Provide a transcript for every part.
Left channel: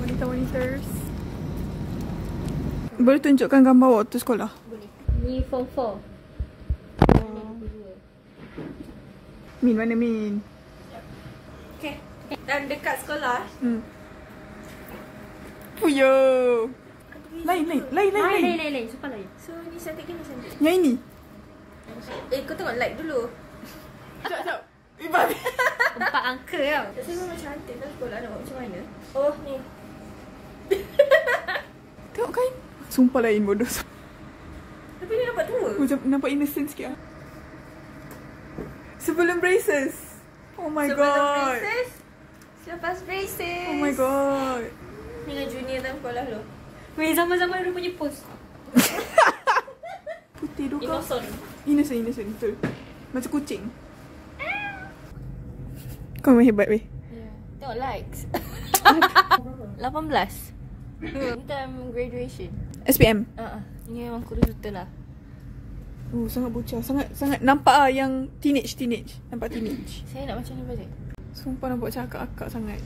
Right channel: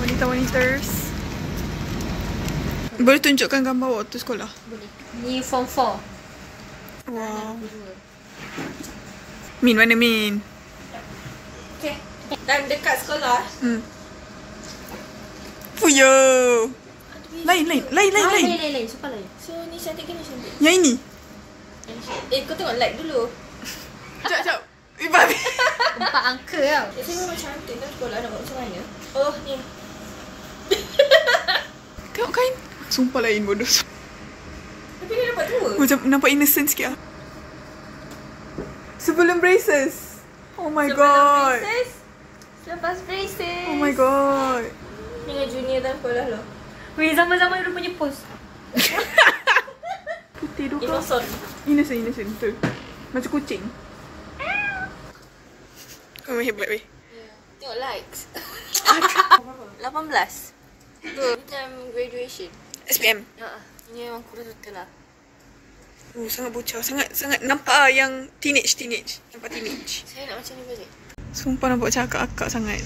wanita-waniters. Boleh tunjukkan gambar waktu sekolah? Boleh. Ni form 4. Wow. Min, mana Min? Okay. Dan dekat sekolah. Fuyo. Lain. Lain. Suka lain. So ni cantik ke ni cantik? Yang ini? Kau tengok like dulu. Sekejap. Babi. 4 angka tau. Saya memang cantik kan sekolah nak buat macam mana? Oh ni. Tengok kain. Sumpah lain bodoh. Tapi dia nampak tua. Macam nampak innocent sikit lah. Sebelum braces. Oh my god. Braces. Selepas braces. Oh my god. Dengan junior dalam sekolah lo. Weh, zaman-zaman dia punya pose. Putih tu kau. Innocent. Betul. Macam kucing. Kau memang hebat weh. Yeah. Tengok likes. 18. Ni time graduation. SPM. Ini memang kurus betul lah. Sangat bocah. Sangat nampak lah yang teenage. Nampak teenage. Saya nak macam ni balik. Sumpah nampak macam akak-akak sangat.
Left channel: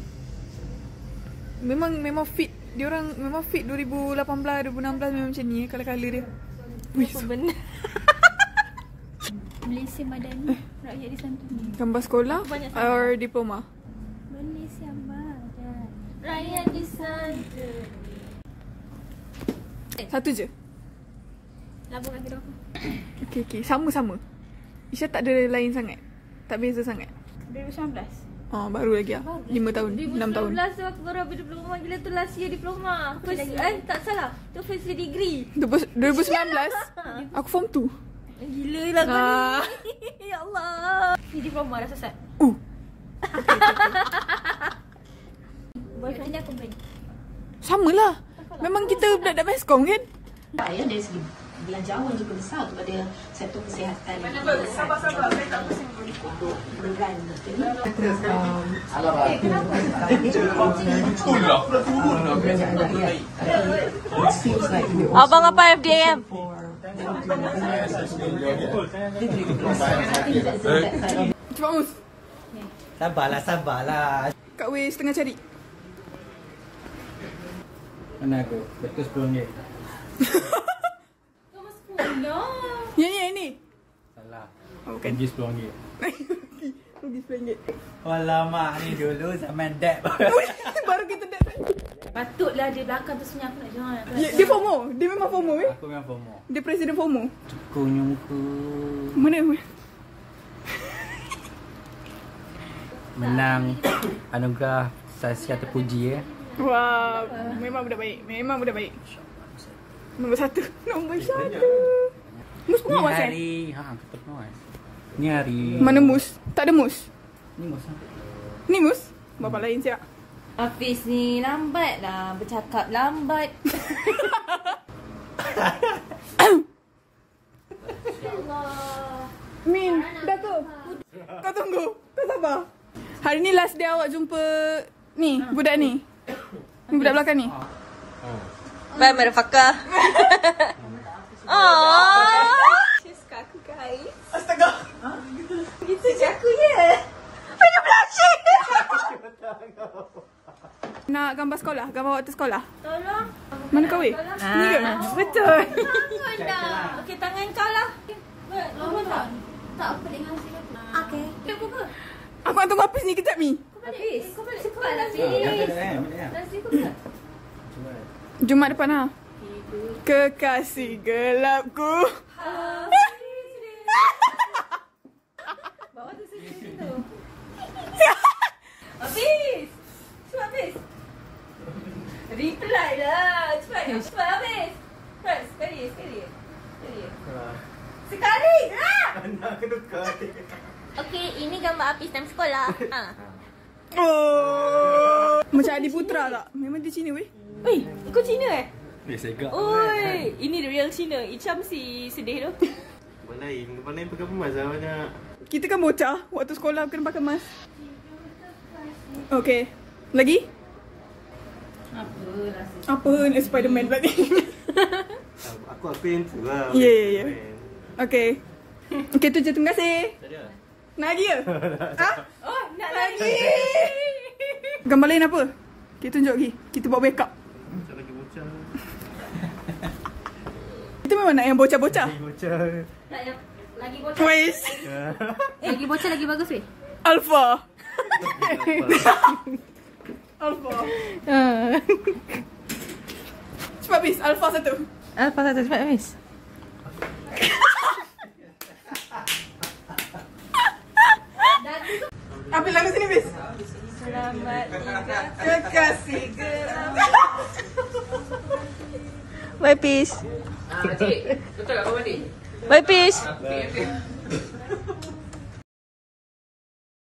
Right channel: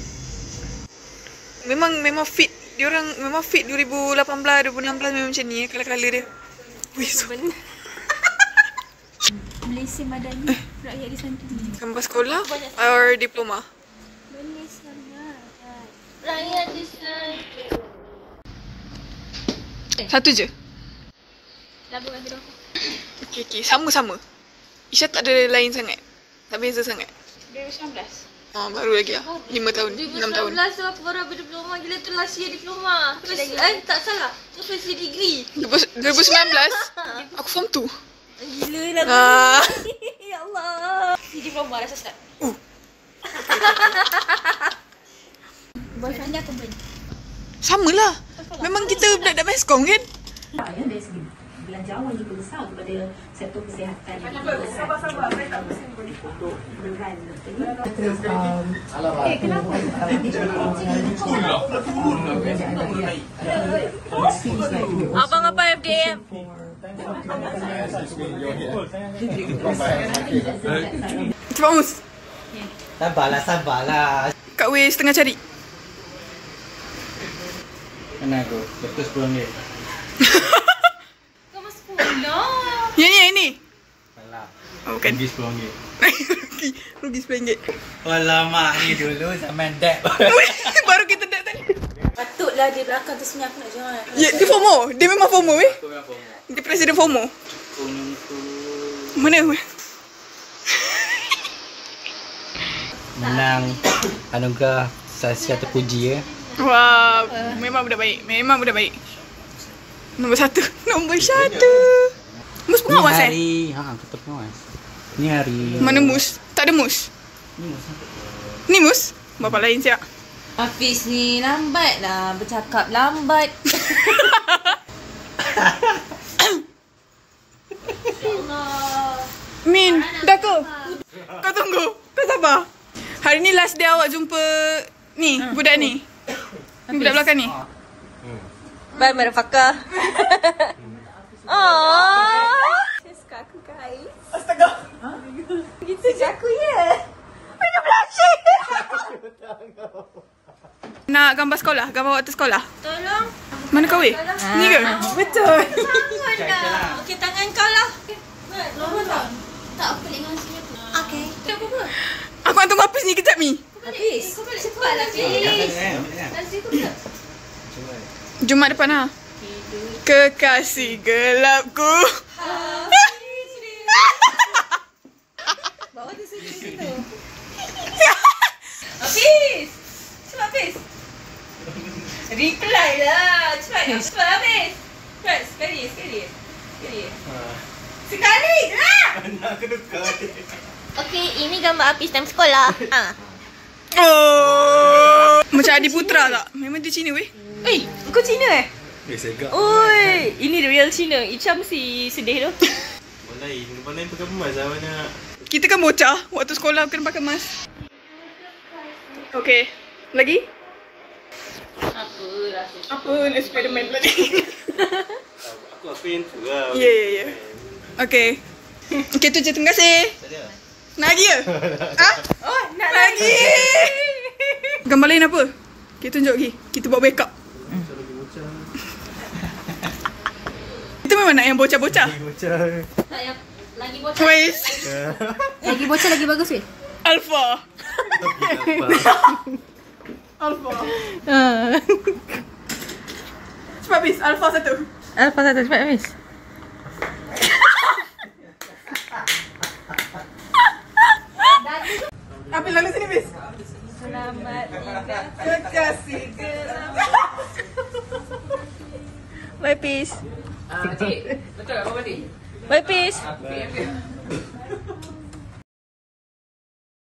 Memang fit. Diorang memang fit 2018, 2016 memang macam ni color-color dia. Wih, Benar. Malaysia Madani rakyat disantuni. gambar sekolah or diploma? Malaysia Madani rakyat disantuni. Satu je? Lagu kat hidung aku. Okay. Sama. Isya tak ada lain sangat. Tak beza sangat. 2019. Baru lagi lah. 5 tahun, 6 tahun. 2019 tu aku baru habis diploma. Gila tu last year diploma. Tak salah. Tu first year degree. 2019 aku form 2. Gila lagu ni. Ya Allah. Ni diploma dah sesat. Boyfriend dia aku beri. Sama lah. Memang kita budak-budak meskom kan? Yang dari segi belanjawan juga besar kepada sektor kesihatan. Sabar. Saya tak pusing. Abang apa FDM? Cepat Mus. Sabarlah. Kak Wei setengah cari. Mana aku? Betul RM10. Kau masuk sekolah. Yang ni. Salah. Bukan. Rugi RM10. Rugi RM10. Alamak, ni dulu zaman dad. Baru kita dah tadi. Patutlah di belakang tu sebenarnya aku nak jangan. Ya, dia FOMO. Dia memang FOMO weh. Aku memang FOMO. Dia presiden FOMO. Kunyungku. Mana? Menang anugerah Saskia terpuji ya. Wah, memang budak baik. Nombor 1. Mus pengawas Kita pengawas. Ni hari. Mana Mus? Tak ada Mus. Ni masa. Ni Mus? Bapa lain siap. Hafiz ni lambat lah. Bercakap lambat. Allah. Min, dah ke? Kau tunggu. Kau sabar. Hari ni last day awak jumpa ni, budak ni. Ni budak belakang ni. Bye, motherfucker. Aww. Suka aku guys. Astaga. Gitu je aku ya. Ada blushing. Nak gambar sekolah? Gambar waktu sekolah? Tolong. Mana kau weh? Ni ke? Betul. Tangan dah. Okey, tangan kau lah. Lama tak? Tak, aku pelik dengan sini. Okey. Apa apa? Aku nak tunggu Hafiz ni kejap ni. Hafiz. Kau balik cepatlah Hafiz. Nanti kau tak. Jumaat depan ha. Kekasih gelapku. Bawa dia sini tu. Hafiz. Cepat Hafiz. Reply lah. Cepat Hafiz. Cepat. Sekali. Sekali lah. Nak kedukar. Okey, ini gambar Hafiz time sekolah. Oh. Macam Adi Putra tak? Memang dia Cina weh. Kau Cina eh? Segak. Oi, ini real Cina. Icham si sedih tu. Mana pakai emas lah mana. Kita kan bocah. Waktu sekolah kena pakai emas. Okay. Lagi? Apa? Spiderman pula ni. Aku yang tu lah. Ya. Okay. Okay tu je. Terima kasih. Nak lagi ke? Ha? Oh, nak Lagi. Gambar lain apa? Kita tunjuk lagi. Kita buat backup. Macam lagi bocah. Kita memang nak yang bocah-bocah. Lagi bocah. Tak yang lagi bocah. Twice. Lagi bocah lagi bagus weh. Alpha. Alpha. Cepat bis. Alpha 1. Alpha 1 cepat habis. Ambil lalu sini bis. Selamat tinggal. Kekasih geram. Bye peace. Cik, betul apa balik? Bye peace. Bye.